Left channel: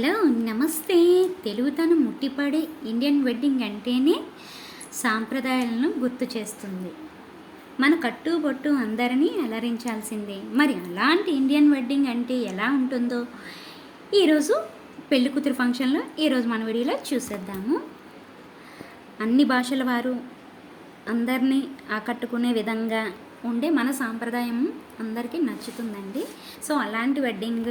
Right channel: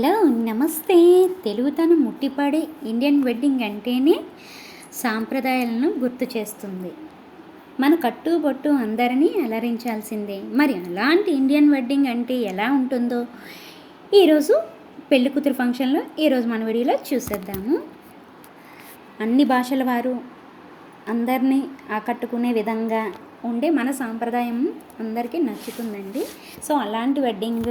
Hello నమస్తే. తెలుగుతనం ముట్టిపడే Indian wedding అంటేనే సాంప్రదాయాలను గుర్తు చేస్తుంది. మన కట్టుబొట్టు అందరినీ అలరించాల్సిందే. మరి అలాంటి ఇండియన్ వెడ్డింగ్ అంటే ఎలా ఉంటుందో ఈరోజు పెళ్లి కూతురు ఫంక్షన్లో ఈరోజు మన వీడియోలో చూసేద్దాము. అన్ని భాషల వారు అందరినీ ఆకట్టుకునే విధంగా ఉండే మన సాంప్రదాయం అందరికీ నచ్చుతుందండి. సో అలాంటి వెడ్డింగ్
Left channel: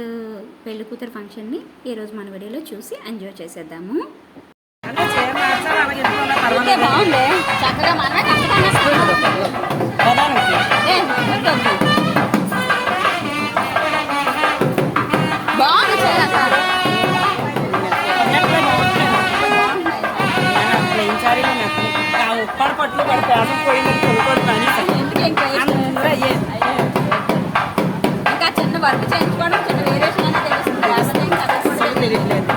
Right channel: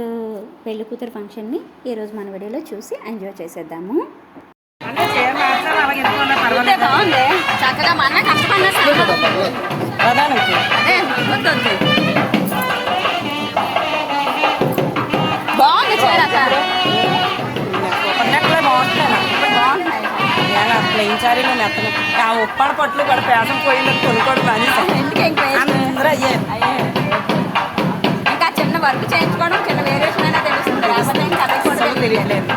పెళ్లి కూతురు ఫంక్షన్ని ఈరోజు మన వీడియోలో చూసి ఎంజాయ్ చేసేద్దాము. బాగుంది, చక్కగా మన కష్టపడినా బాగుంది చీర ప్లెయిన్ సారీలో మెత్తలు ఆ ఉప్పాడ పట్లు కూడా పేసం పోయింది తొలికోడు పని ఇంకా చిన్న వర్క్ చేయించుకోవడం, చిన్న వేరియేషన్ అయినా తెలుస్తుంది. లేకపోతే ఇంకా అది కూడా తెలియట్లేదు.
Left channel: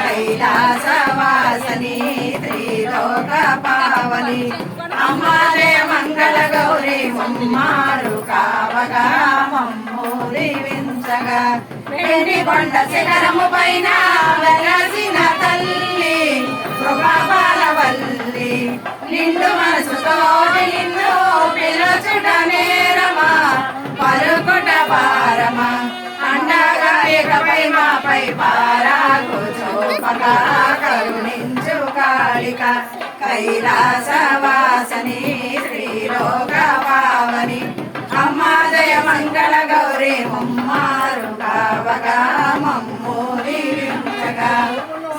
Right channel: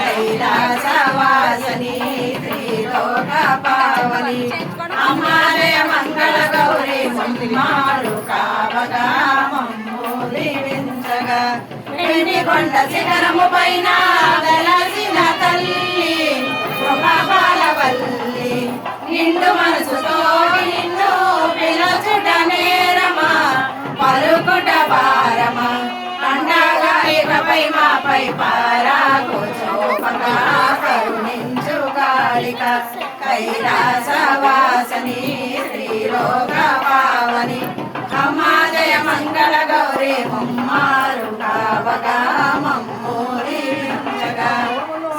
కైలాసవాసని త్రిలోక పావని అమ్మాలే మంగళ గౌరీ మమ్మారు కావగా మమ్మూరించగా వెండి కొండ శిఖరము పైన వెలసిన తల్లి కృపాబాలవల్లి నిండు మనసుతోటి నిన్ను పిలుచుట నేరమా పలుకుట భారమా అండగా ఇకపై మాపై పారాకు చూపగా కరుణించు కాళిక కైలాసవాసని త్రిలోక పావని అమ్మాదయ మంగళ గౌరీ మమ్మారు కావగా మమ్మూరించగా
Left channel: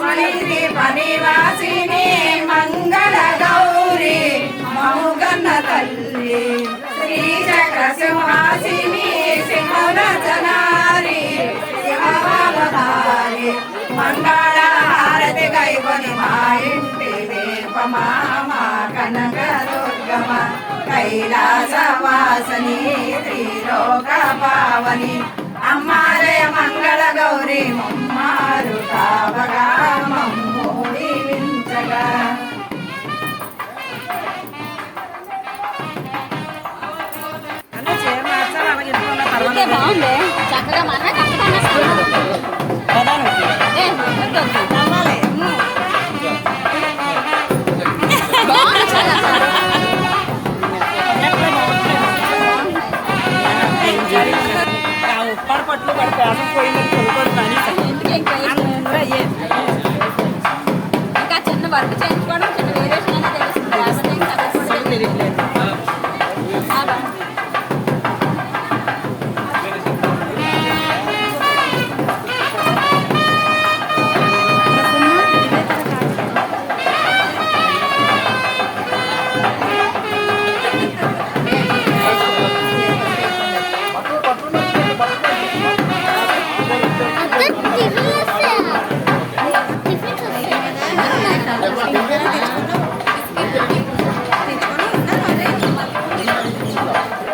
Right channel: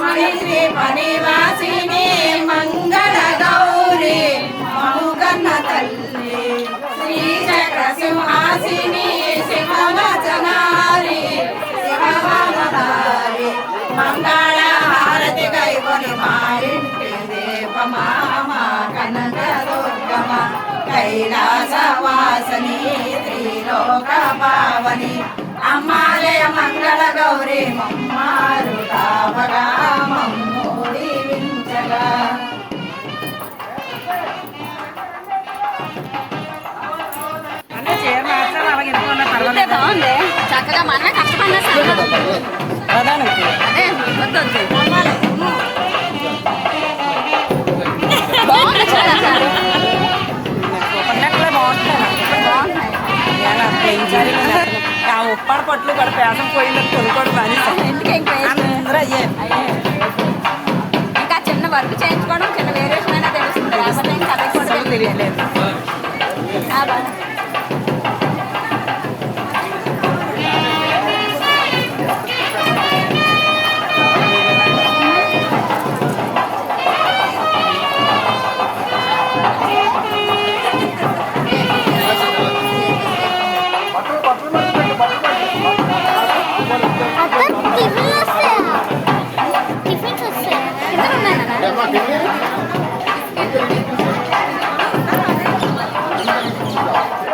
మణిశ్రీ పనివాసిని మంగళ గౌరీ మముగన్న తల్లి శ్రీచక్ర సింహాసిని సింహవచనారి సింహవతారి మంగళ హారతి గైకొని మా ఇంటి దీపమా కనక దుర్గమ కైలాసవాసని త్రిలోక పావని అమ్మాలయ మంగళ గౌరీ మమ్మారు కావగా మమ్మూరించగా బాగుంది, చక్కగా మనమే కష్టపడినా అదే వద్దు బాగుంది చీర ఆ ఉప్పాడ పట్లు కూడా పేసం పోయింది తొలికోడు పని ఇంకా చిన్న వర్క్ చేయించుకోవడం, చిన్న వేరియేషన్ అయినా తెలుస్తుంది. లేకపోతే ఇంకా అది కూడా తెలియట్లేదు. Thank you.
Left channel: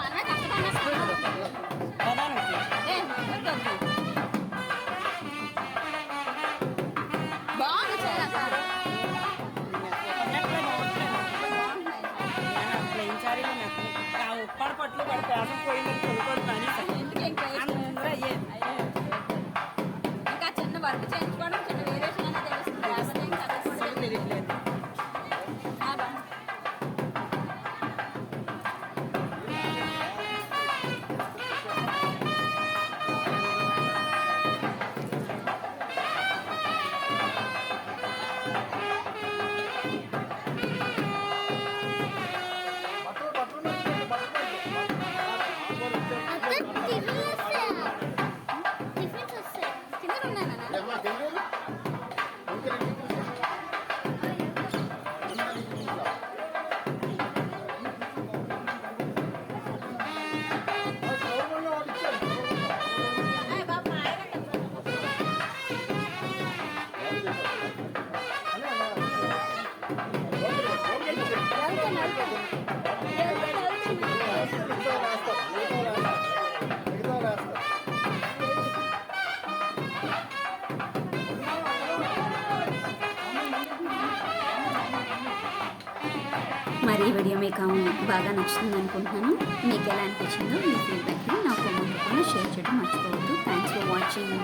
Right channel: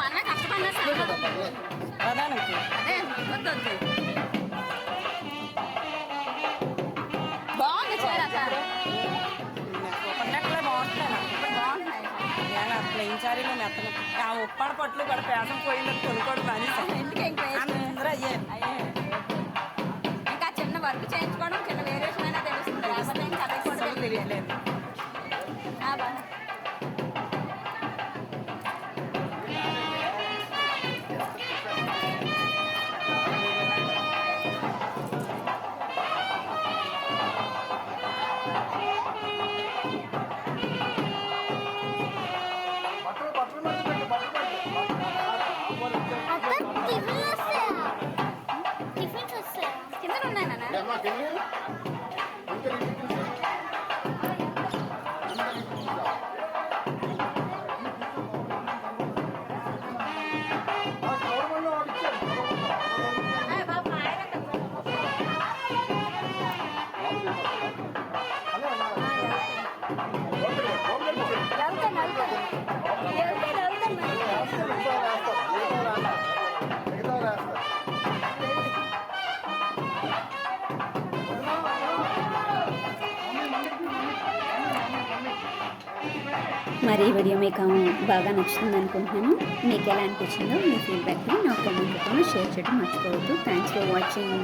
మనమే కష్టపడినా సంగదు. ప్రధానికి అదే వద్దు బాగుంది చీర అసలు. సూపర్ నెట్ కూడా బాగుంటలేదు. ఇప్పుడు బాగుంటున్నాయి నేను ప్లెయిన్ శారీలో మెత్తను ఆ ఉప్పాడ పట్లు కూడా పేసం పోయిందని కొనుక్కోవడం మానేసాను. ఎందుకు ఇంకా అందరూ అయ్యే ఇంకా చిన్న వర్క్ చేయించుకోవడం చిన్న వేరియేషన్ అయినా తెలుస్తుంది, లేకపోతే ఇంకా అది కూడా అసలు తెలియలేదు. కింద ఉన్నాయి నాన్న. మరి ఈ వీడియో మీకు బాగా నచ్చుతుంది అనుకుంటున్నాను. మీకు ఎలా అనిపించిందో మీ ఫీడ్బ్యాక్ని నా కామెంట్ రూపంలో షేర్ చేయడం మర్చిపోవద్దు. Thanks for watching.